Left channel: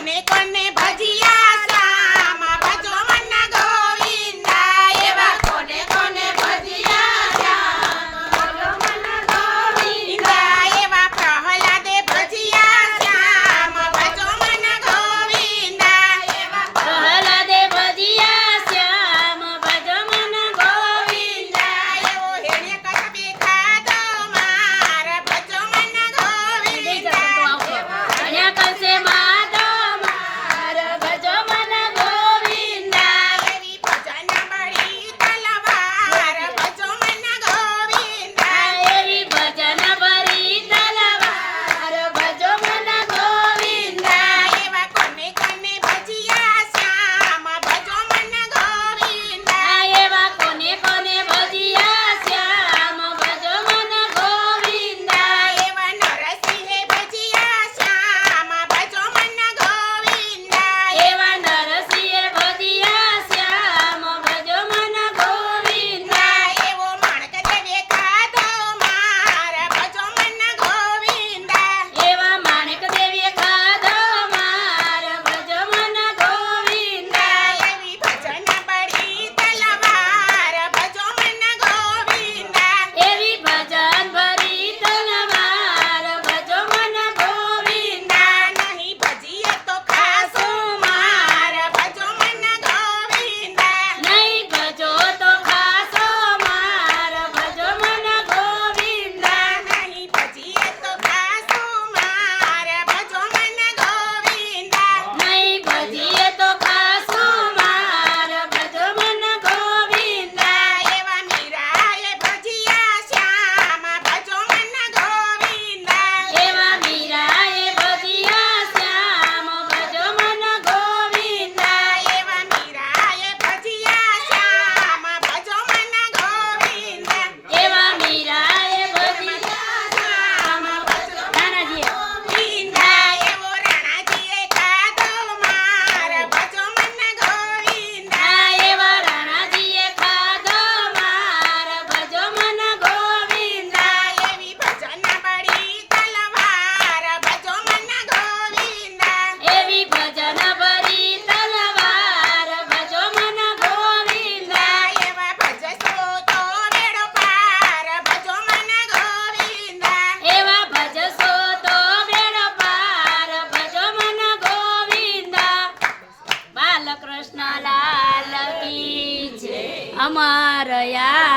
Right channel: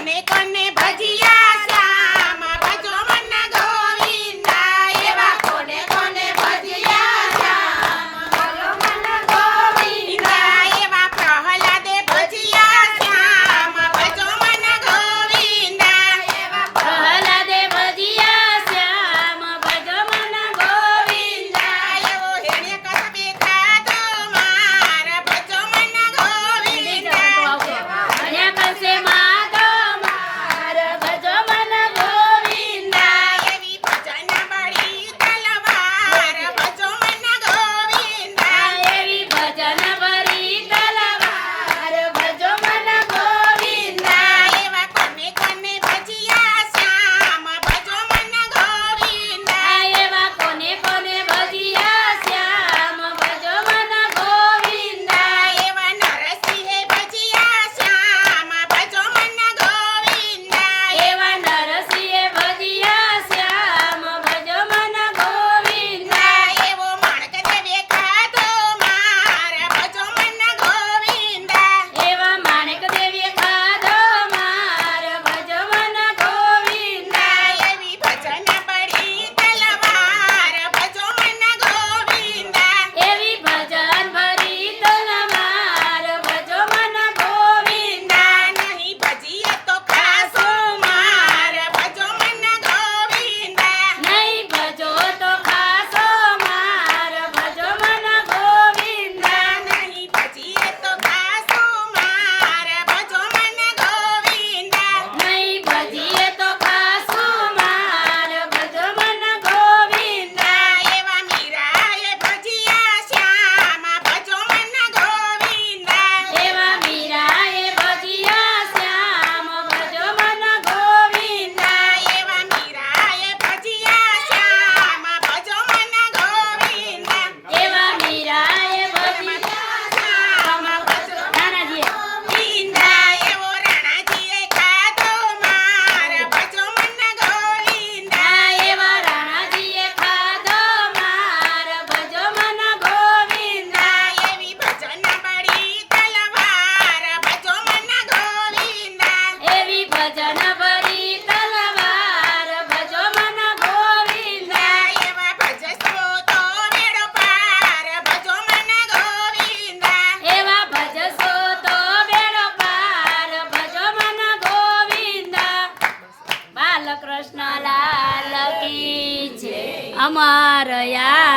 કોને કોને ભજીયા શ્યામ ભજો મન ગોવિંદા એવા કોને કોને ભજીયા શ્યામ ભજો મન ગોવિંદા એવા પ્રહલાદે ભજીયા શ્યામ ભજો મન ગોવિંદા એવા પ્રહલાદે ભજીયા શ્યામ ભજો મન ગોવિંદા એવો હેણે કસબે ખાધો માર ભજો મન ગોવિંદા અને કલસે માધો માર ભજો મન ગોવિંદા એવી ભજન બળી તલવાર ભજો મન ગોવિંદા એવી ભજન ભરી તલવાર ભજો મન ગોવિંદા એવા કોને કોને ભજીયા શ્યામ ભજો મન ગોવિંદા એવા કોને કોને ભજીયા શ્યામ ભજો મન ગોવિંદા એવા નરસિંહે ભજીયા શ્યામ ભજો મન ગોવિંદા એવા નરસિંહે ભજીયા શ્યામ ભજો મન ગોવિંદા એવો માણકદેવે ખાધો માર ભજો મન ગોવિંદા એવા માણેક દેવીએ ખાધો માર ભજો મન ગોવિંદા એવી ભજન બળી તલવાર ભજો મન ગોવિંદા એવી ભજન ભરી તલવાર ભજો મન ગોવિંદા નહીં ભજીએ તો ખાસો માર ભજો મન ગોવિંદા નહીં ભજો તો ખાસો માર ભજો મન ગોવિંદા નહીં ભજીએ તો ખાસો માર ભજો મન ગોવિંદા નહીં ભજીએ તો ખાસો માર ભજો મન ગોવિંદા એવા મીરાએ ભજીયા શ્યામ ભજો મન ગોવિંદા એવા મીરાએ ભજીયા શ્યામ ભજો મન ગોવિંદા એવા મીરાએ ભજીયા શ્યામ ભજો મન ગોવિંદા એવા મીરાએ ભજીયા શ્યામ ભજો નાનાજીએ ગોવિંદા એવો રાણાજીએ ખાધો માર ભજો મન ગોવિંદા એવા રાણાજીએ ખાધો માર ભજો મન ગોવિંદા એવી ભજન બળી તલવાર ભજો મન ગોવિંદા એવી ભજન ભરી તલવાર ભજો મન ગોવિંદા એવા ભજસ્વો તો મેળો પાર ભજો મન ગોવિંદા એવા ભજશો તો બેડો પાર ભજો મન ગોવિંદા બાલકૃષ્ણ લાલ કી જય. અમાર યા